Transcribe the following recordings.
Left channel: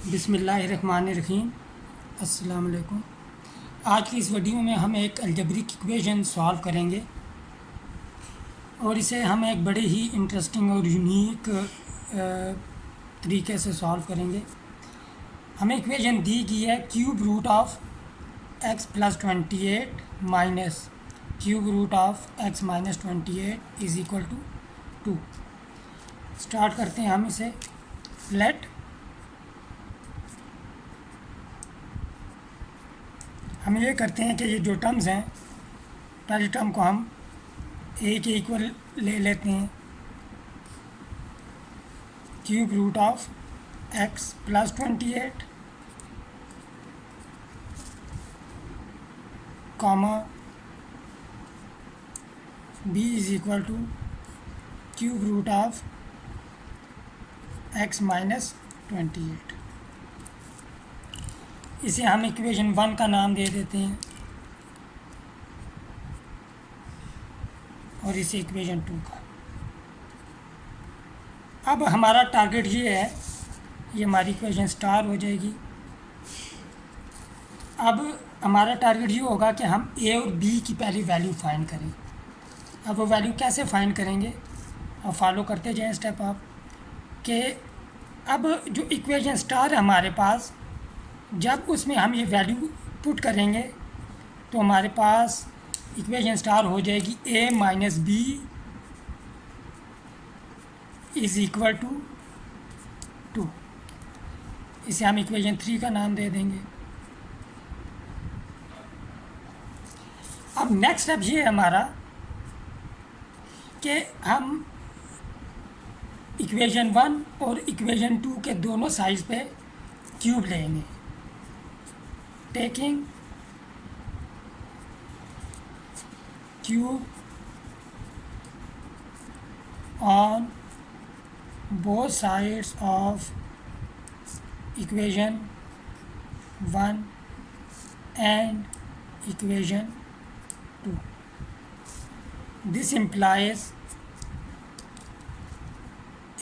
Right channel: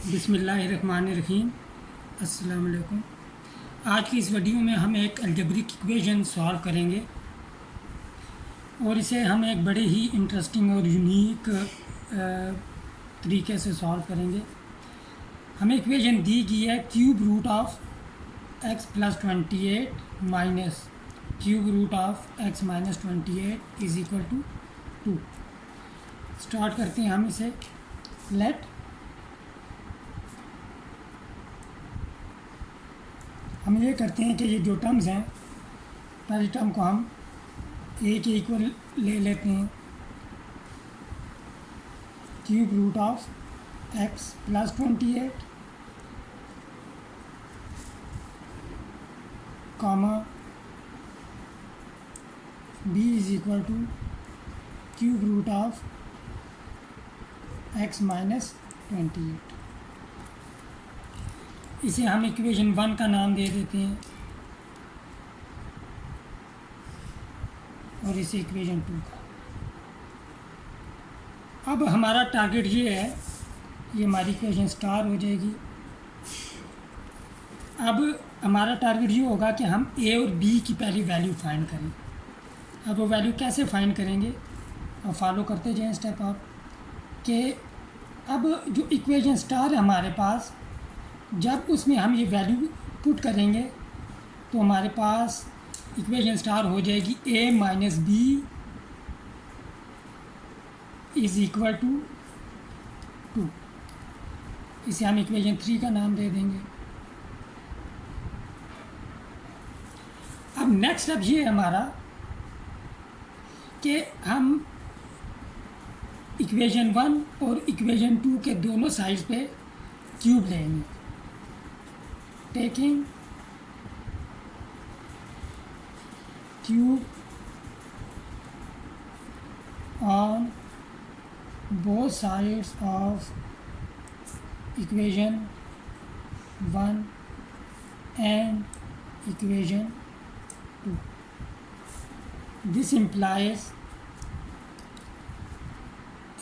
बिस्मिल्लाहिर्रहमानिर्रहीम। अस्सलाम वालेकुम। आज की इस वीडियो में हम एक अलजेब्रिक इक्वेशन सॉल्व करेंगे और इसे हम एक बड़े ही इंटरेस्टिंग और यूनिक तरीके से सॉल्व करेंगे। हमें इक्वेशन दी गई है cube root of x plus 28 minus cube root of x minus 28 is equal to 2। Start करते हैं हम इसे। लेट हम ये करते हैं कि ये जो टर्म्स हैं, पहली टर्म को हम a के इक्वल ले लेते हैं, cube root of x plus 28 comma b is equal to cube root of x minus 28। इसे हम इक्वेशन 1 का नाम दे देते हैं और इसे इक्वेशन 2 का। अब हमारा टारगेट ये है, ये हमारी इक्वेशन स्टार हो जाएगी। अब हमारा टारगेट ये होगा कि हम a और b की पहली वैल्यू फाइंड करें। अब वो वैल्यू कैसे फाइंड करेंगे, और फॉलो करते जाएं स्टेप आप कि अब जो इक्वेशन स्टार है हमारे पास, जब उसमें हम ये वैल्यू पुट करेंगे तो हमारे पास इक्वेशन स्टार हो जाएगी a minus b is equal to 2। इसे हम इक्वेशन 3 का नाम दे देंगे। अब नेक्स्ट स्टेप ये है हमारा कि हम इक्वेशन 1 और इक्वेशन 2 के दोनों साइड्स पे क्यूब लेंगे, taking cube on both sides of equation 1 and equation 2. This implies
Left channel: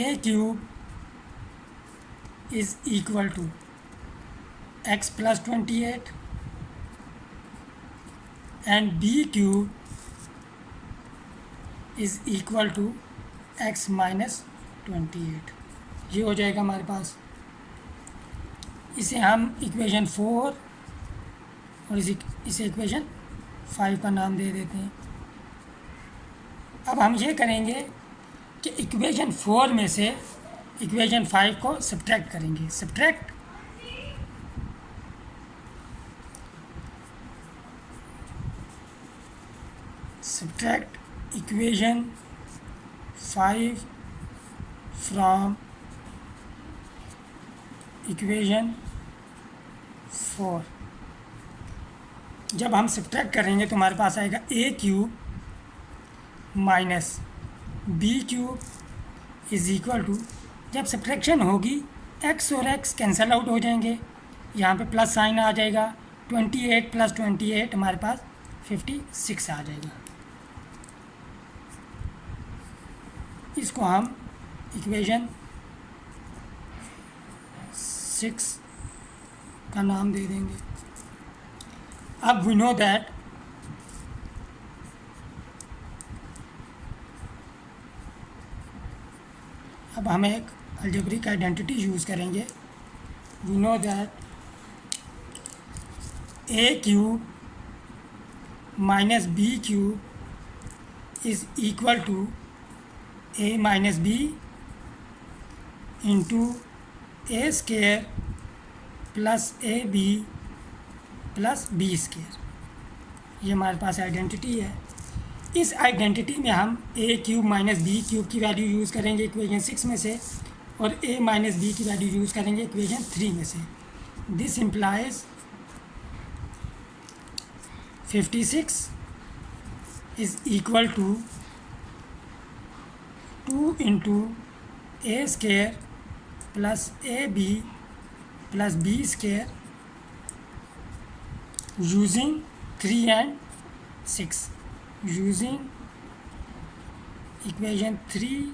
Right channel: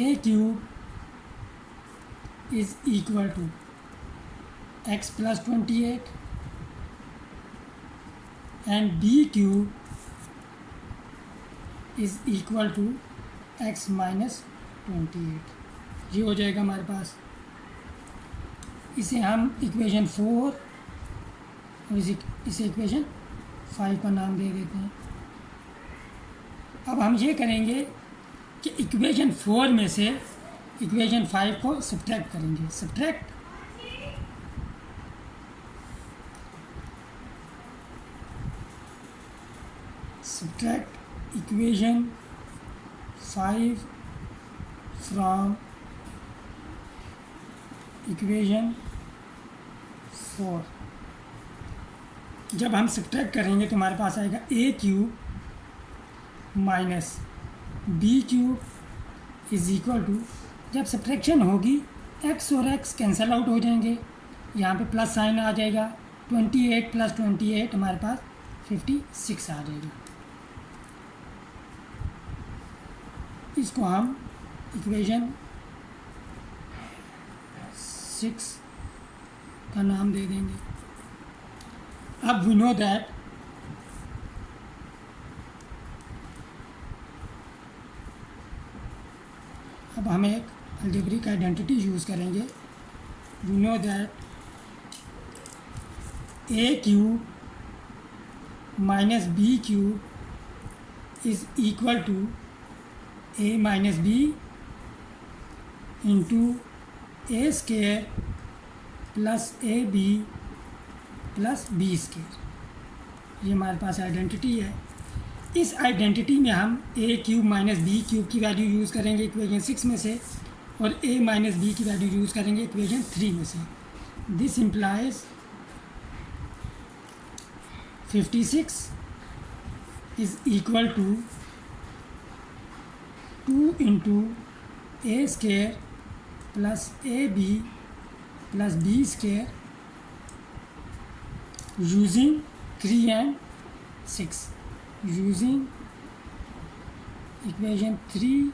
a cube is equal to x plus 28 and b cube is equal to x minus 28। ये हो जाएगा हमारे पास। इसे हम इक्वेशन 4 और इसे इक्वेशन 5 का नाम दे देते हैं। अब हम ये करेंगे कि इक्वेशन 4 में से इक्वेशन 5 को सब्ट्रैक्ट करेंगे। Subtract equation 5 from equation 4। जब हम सब्ट्रैक्ट करेंगे तो हमारे पास आएगा a cube minus b cube is equal to, जब सब्ट्रैक्शन होगी x और x कैंसल आउट हो जाएंगे, यहाँ पे प्लस साइन आ जाएगा, 28 प्लस 28 हमारे पास 56 आ जाएगी। इसको हम इक्वेशन 6 का नाम दे देंगे। अब वी नो दैट अब हम एक अलजेब्रिक आइडेंटिटी यूज़ करेंगे। We know that a cube minus b cube is equal to a minus b into a square plus A b plus B square. ये हमारे पास आइडेंटिटी है। इस आइडेंटिटी में हम a cube minus b cube की value use करेंगे equation 6 में से, और a माइनस बी की वैल्यू यूज़ करेंगे इक्वेशन 3 में से। This implies 56 is equal to 2 into a square plus A b plus B square using 3 and 6, using equation 3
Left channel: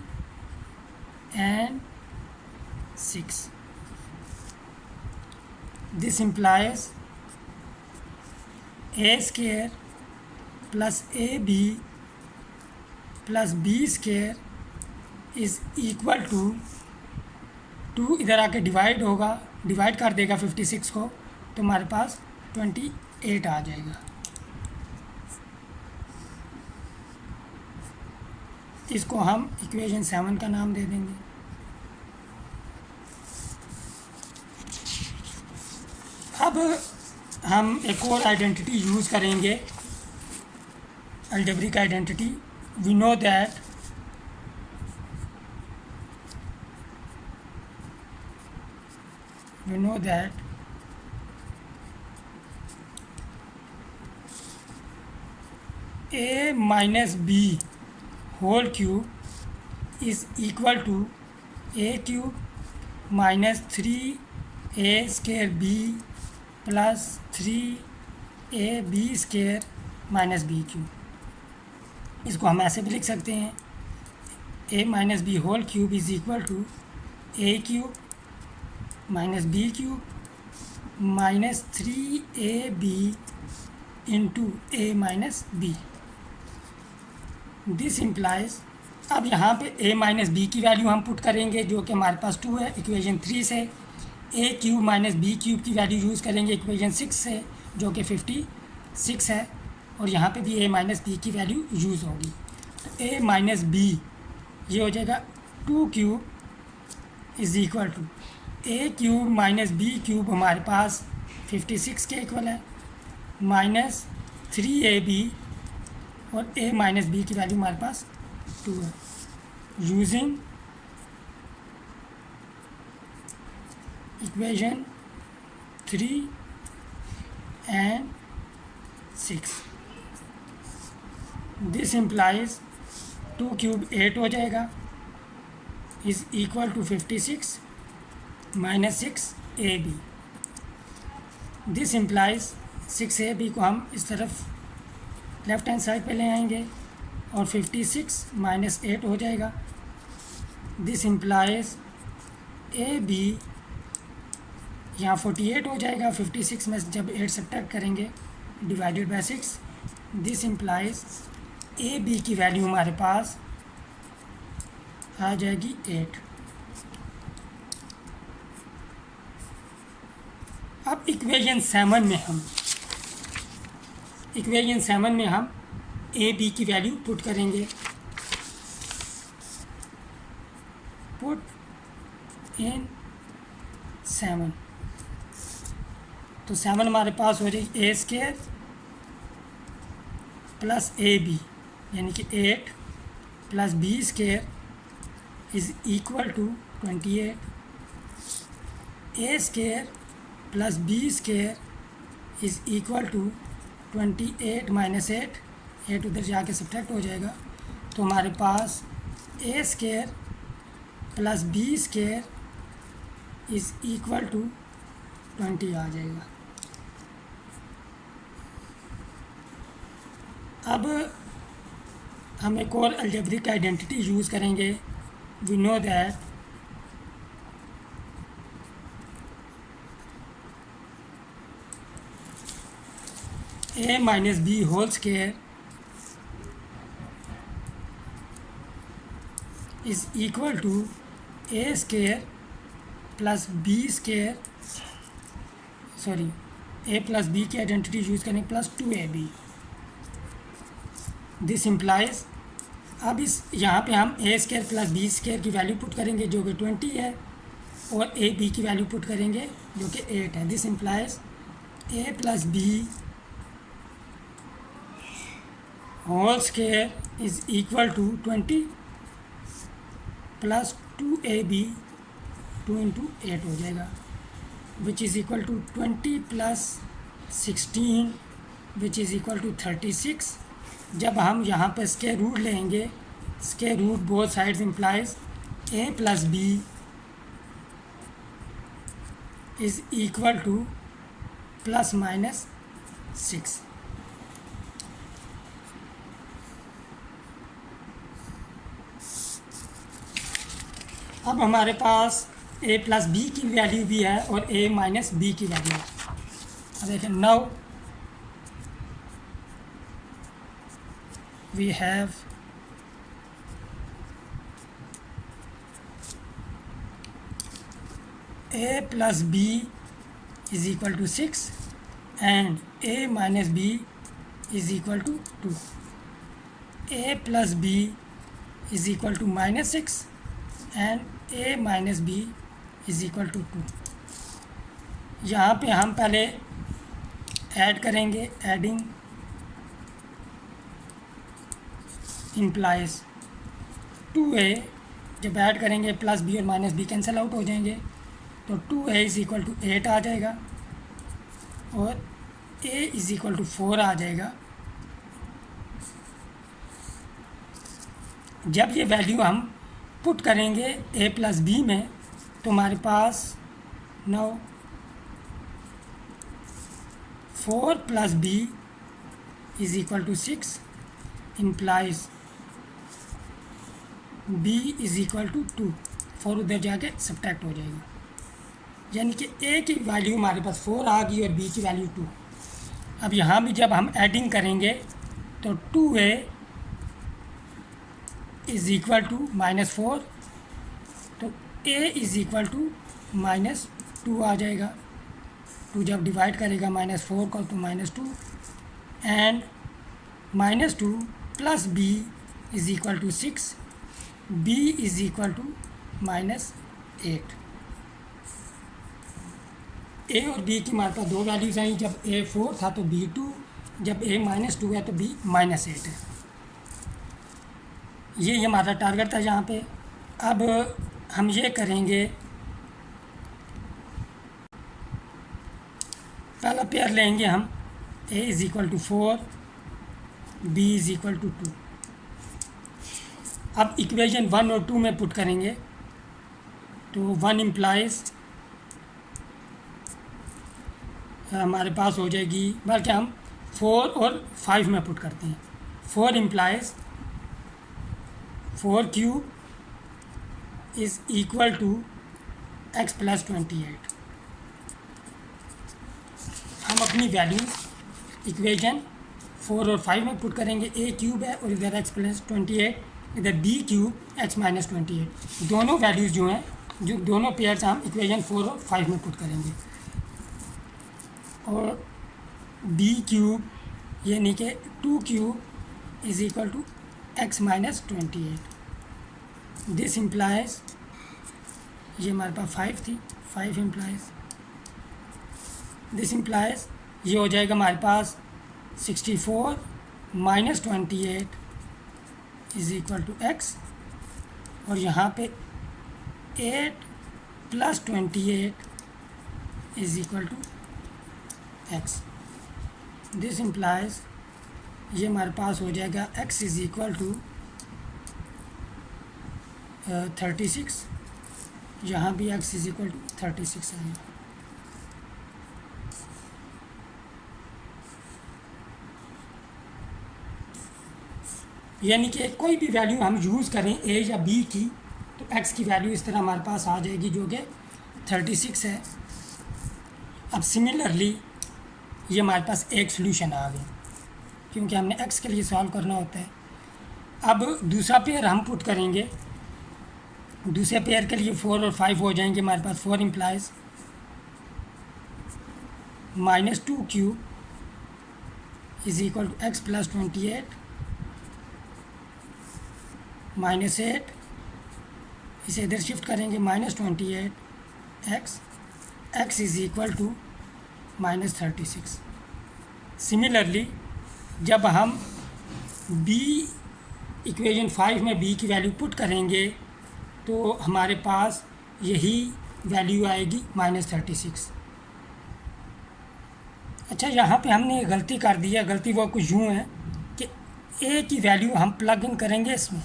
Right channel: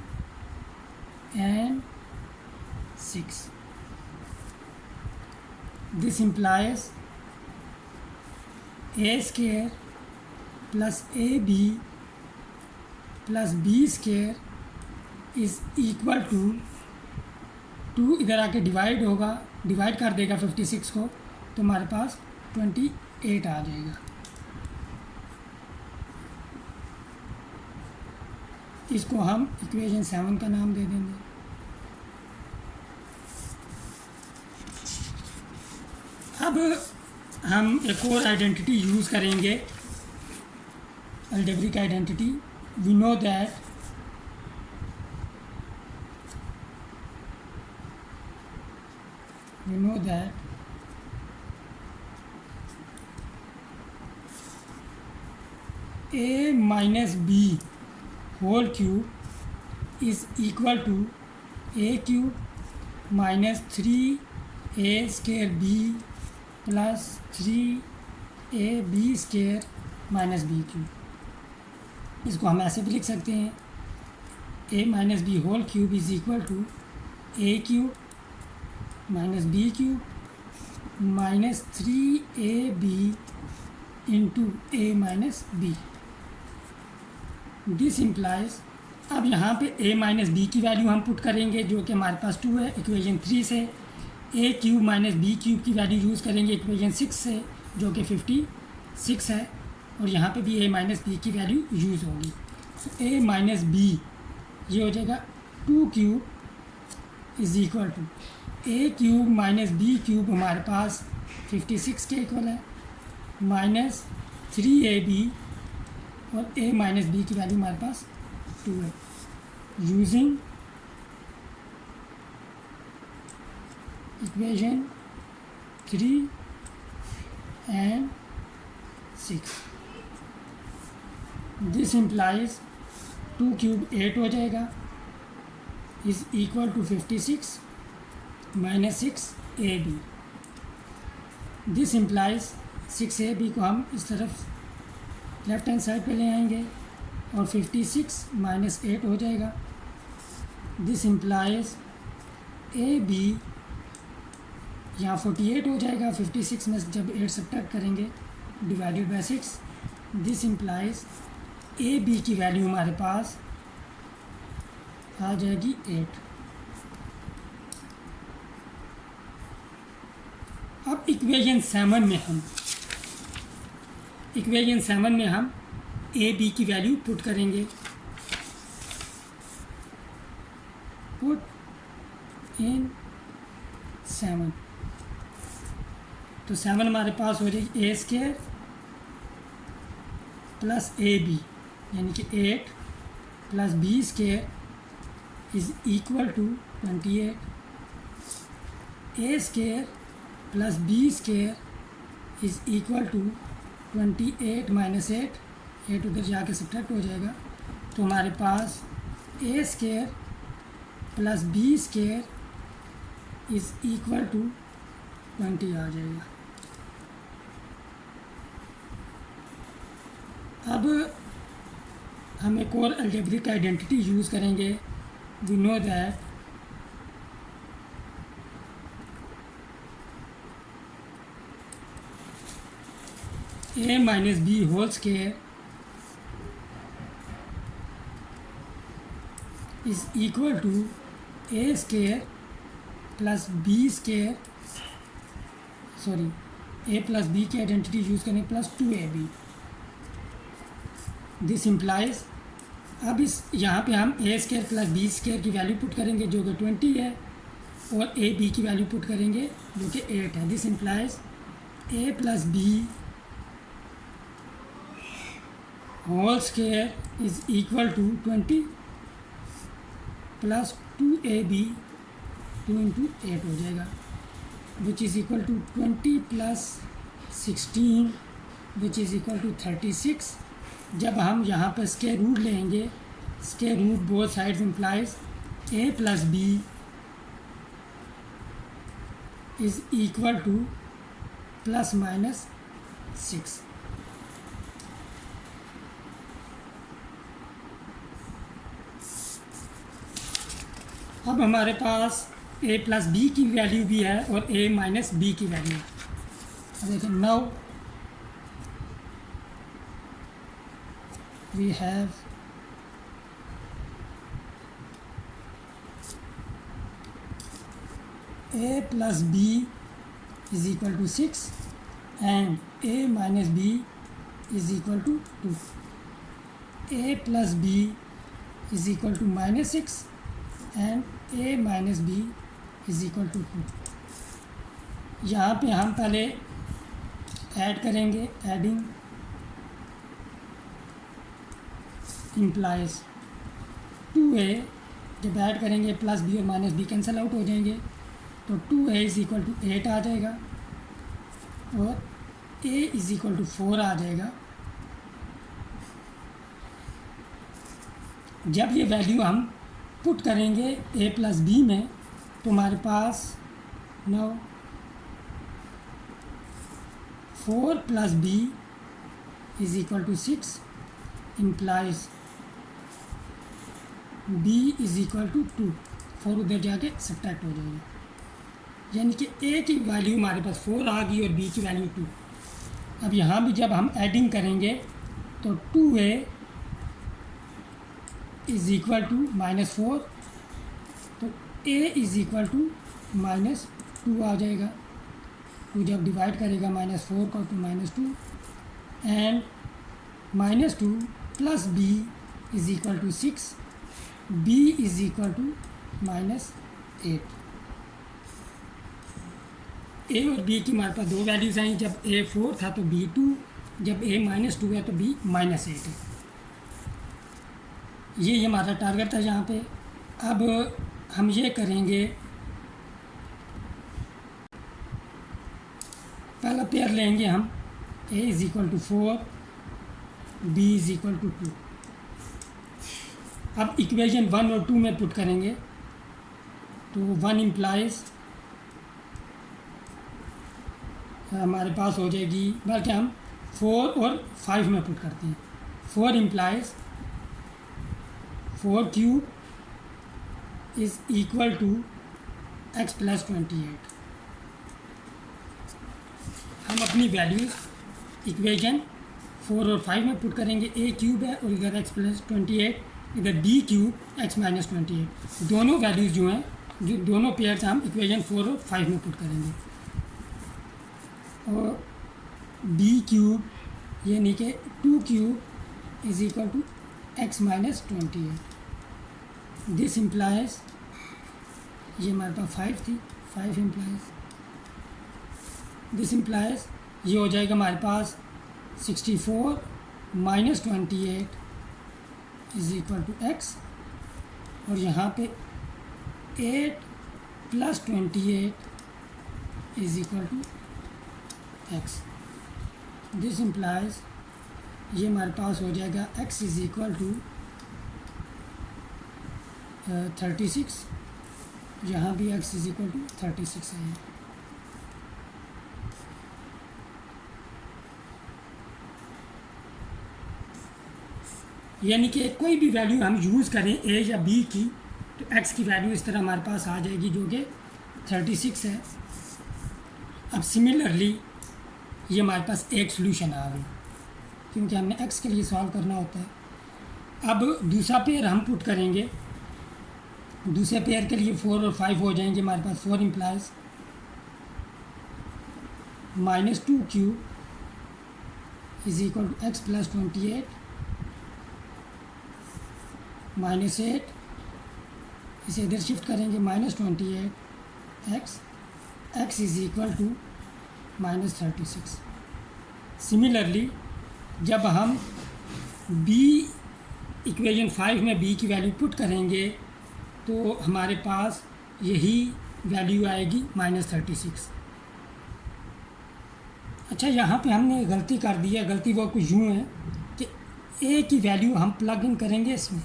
and 6। This implies a square plus A b plus B square is equal to two इधर आके divide होगा, divide कर देगा 56 को, तो हमारे पास 28 आ जाएगा। इसको हम इक्वेशन 7 का नाम दे देंगे। अब हम एक और आइडेंटिटी यूज़ करेंगे, algebraic identity. We know that a minus b whole cube is equal to a cube minus 3a square b plus 3ab square minus b cube। इसको हम ऐसे भी लिख सकते हैं, a minus b whole cube is equal to a cube minus b cube minus 3ab into a minus b। This implies, अब यहाँ पे a माइनस बी की वैल्यू हम पुट करेंगे जो कि हमारे पास 2 है इक्वेशन 3 से। a cube minus b cube की वैल्यू यूज़ करेंगे इक्वेशन 6 से जो कि 56 है, और यहाँ पे भी a माइनस बी की वैल्यू यूज़ होगी। तो a माइनस बी ये हो जाएगा 2 cube is equal to a cube minus b cube हमारे पास 56 के इक्वल है, माइनस 3ab और a माइनस बी की वैल्यू हमारे पास 2 है। Using equation 3 and 6, this implies 2 cube 8 हो जाएगा is equal to 56 minus 6ab। This implies 6ab को हम इस तरफ लेफ्ट हैंड साइड पे ले आएंगे और 56 माइनस 8 हो जाएगा। दिस इम्प्लाइज ए बी यहाँ 48 हो जाएगा, 56 में जब 8 सब्ट्रैक्ट करेंगे divided by 6। This implies a B की वैल्यू हमारे पास आ जाएगी 8। अब इक्वेशन 7 में हम ए बी की वैल्यू पुट करेंगे। पुट इन 7, तो 7 हमारे पास हो जाएगी A square plus A B यानी कि 8 plus B square is equal to 28। A square plus B square is equal to 28 minus 8 उधर जाके सब्ट्रैक्ट हो जाएगा, तो हमारे पास A square plus B square is equal to 20 आ जाएगा। अब हम एक और अलजेब्रिक आइडेंटिटी यूज़ करेंगे। We know that a minus b whole square is equal to a square plus b square, sorry a plus b की identity use करें plus 2ab। This implies, अब इस यहाँ पे हम a square plus b square की value put करेंगे जो कि 20 है, और a b की वैल्यू पुट करेंगे जो कि 8 है। This implies a plus b whole square is equal to 20 plus 2ab 2 into 8 हो जाएगा, which is equal to 20 plus 16 which is equal to 36। जब हम यहाँ पर स्केयर रूट लेंगे, square root both sides implies a plus b is equal to plus minus 6। अब हमारे पास ए प्लस बी की वैल्यू भी है और ए माइनस बी की वैल्यू है। देखिए now we have a plus b is equal to 6 and a minus b is equal to 2. a plus b is equal to minus 6 and a minus b is equal to 2. यहाँ पे हम पहले add करेंगे, adding implies 2a, जब add करेंगे plus B और minus B cancel out हो जाएंगे, तो 2a इज़ इक्वल टू 8 आ जाएगा और a इज़ इक्वल टू 4 आ जाएगा। जब ये वैल्यू हम पुट करेंगे a प्लस बी में, तो हमारे पास now 4 plus B is equal to 6 implies b is equal to 2। 4 उधर जाके सब्ट्रैक्ट हो जाएगी, यानी कि a की वैल्यू हमारे पास 4 आ गई और b की वैल्यू 2। अब यहाँ भी जब हम एडिंग करेंगे तो 2a इज़ इक्वल टू -4, तो a इज़ इक्वल टू -2 आ जाएगा। 2 जब डिवाइड करेगा -4 को तो -2 and -2 plus b is equal to 6, b is equal to -8। a और b की हमारे पास दो वैल्यूज़ आई, जब a 4 था तो b 2, जब a -2 है तो b -8 है। ये हमारा टारगेट था यहाँ पे। अब हम ये करेंगे, पहला पेयर लेंगे हम a is equal to 4, b is equal to 2। अब इक्वेशन 1 और 2 में पुट करेंगे तो 1 इम्प्लाइज हमारे पास हो जाएगी, बल्कि हम 4 और 5 में पुट करते हैं। 4 implies 4 cube is equal to x plus 28। हम अपनी वैल्यू इक्वेशन 4 और 5 में पुट करेंगे। a क्यूब है और इधर x प्लस 28, इधर b क्यूब x माइनस 28। दोनों वैल्यूज़ जो हैं, जो दोनों पेयर्स हम इक्वेशन 4 और 5 में पुट करेंगे। और b क्यूब यानी कि 2 cube is equal to x minus 28। This implies, ये हमारे पास 5 थी, 5 इम्प्लाइज दिस इम्प्लाइज ये हो जाएगा हमारे पास 64 minus 28 is equal to x, और यहाँ पे 8 plus 28 is equal to x। This implies ये हमारे पास हो जाएगा x इज़ इक्वल टू 36, यहाँ भी x इज़ इक्वल टू 36 है। यानी कि कोई भी वैल्यू हम यूज़ करें a या b की, तो x की वैल्यू इस तरह हमारे पास आ जाएगी जो कि 36 है। अब सिमिलरली ये हमारे पास एक सोल्यूशन आ गई, क्योंकि हमने x के लिए सॉल्व करना होता है। अब दूसरा पेयर हम पुट करेंगे, दूसरे पेयर के लिए 4 और 5 हो जाएंगे हमारे पास। 4 implies -2 cube is equal to x plus 28 -8, इसे इधर शिफ्ट करेंगे -28 x is equal to -36। Similarly जब हम b इक्वेशन 5 में b की वैल्यू पुट करेंगे तो हमारे पास यही वैल्यू आएगी -36। अच्छा, यहाँ पे हमने गलती कर दी है। गलती वो कुछ यूँ है कि a की वैल्यू हम प्लग इन करेंगे इसमें,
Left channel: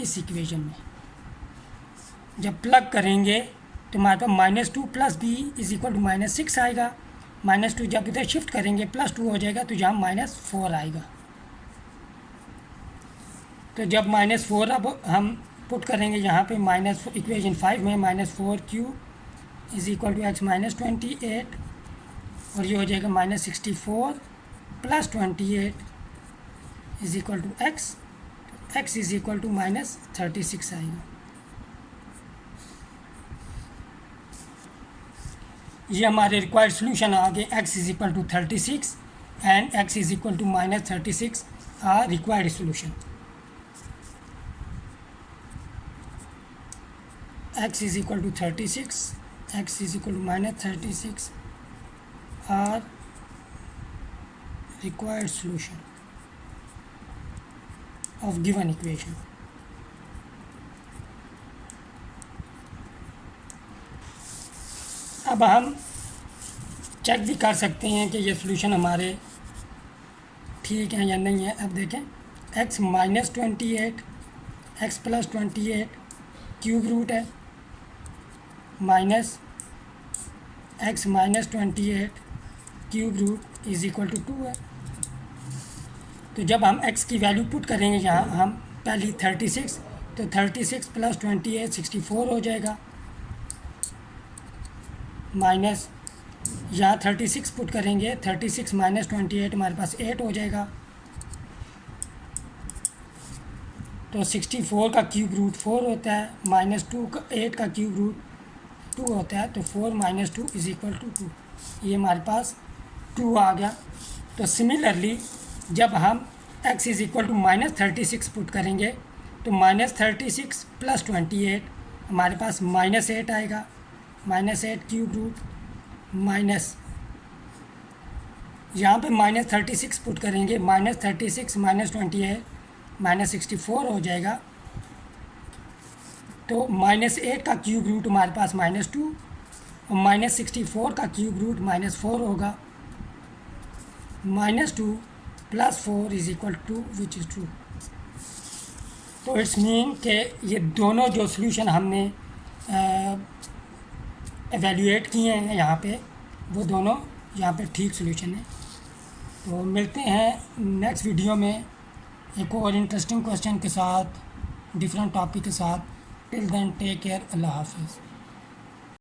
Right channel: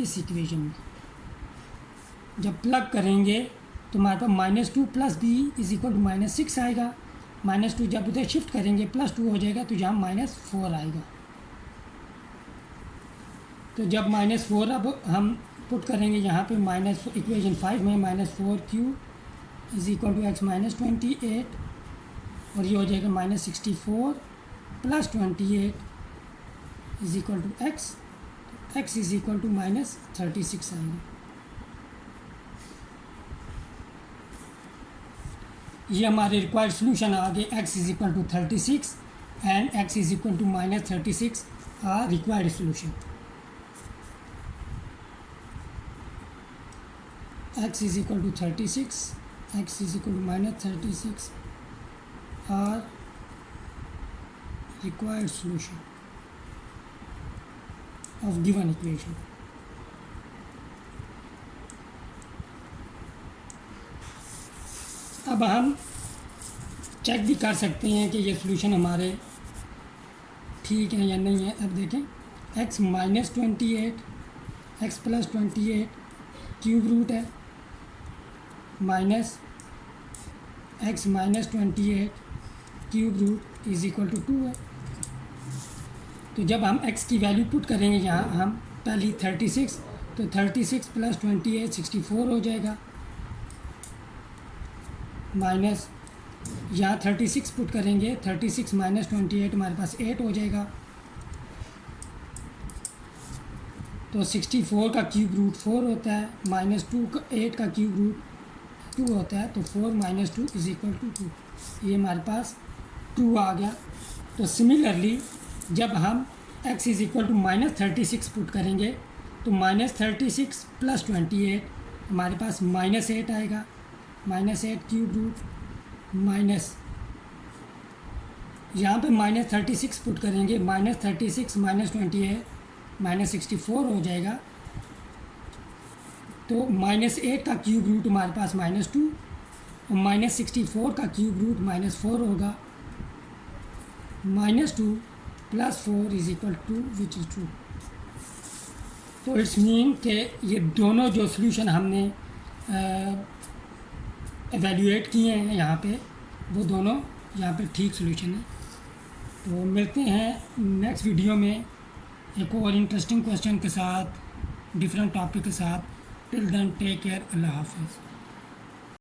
इस इक्वेशन में। जब प्लग करेंगे तो हमारे पास -2 plus b is equal to -6 आएगा। -2 जब इधर शिफ्ट करेंगे +2 हो जाएगा, तो यहाँ -4 आएगा। तो जब -4 अब हम पुट करेंगे यहाँ पे माइनस इक्वेशन 5 में -4q is equal to x minus 28 और ये हो जाएगा -64 plus 28 is equal to x, x is equal to -36 आएगा। ये हमारे रिक्वायर्ड सोल्यूशन आ गए। X is equal to 36 and x is equal to -36 are required solution. x is equal to 36, x is equal to -36 are required solution of given equation. अब हम check भी कर सकते हैं कि ये सॉल्यूशन हमारे ठीक है या नहीं है। अब देखें x -28 x + 28 क्यूब रूट है minus x -28 cube root is equal to 2 है। तो जब हम x की वैल्यू पुट करेंगे यहाँ हम पहली 36, तो 36 + 28 64 हो जाएगा, माइनस यहाँ 36 पुट करेंगे 36 - 28 हमारे पास 8 हो जाएगा। तो 64 का क्यूब रूट 4 होता है, -2 का 8 का क्यूब रूट 2 होता है, तो 4 - 2 इज इक्वल टू 2। ये हमारे पास 2 आ गया। तो सिमिलरली जब हम x is equal to -36 put करेंगे तो -36 + 28 हमारे पास -8 आएगा, -8 क्यूब रूट माइनस यहाँ पे -36 पुट करेंगे -36 - 28 -64 हो जाएगा। तो -8 का क्यूब रूट हमारे पास -2 और -64 का क्यूब रूट -4 होगा। -2 + 4 is equal to which is true. तो इट्स मीन कि ये दोनों जो सॉल्यूशन हमने एवेल्यूएट किए हैं यहाँ पे, वो दोनों यहाँ पे ठीक सॉल्यूशन है। तो मिलते हैं नेक्स्ट वीडियो में एक और इंटरेस्टिंग क्वेश्चन के साथ, डिफरेंट टॉपिक के साथ। टिल देन टेक केयर, अल्लाह हाफिज़।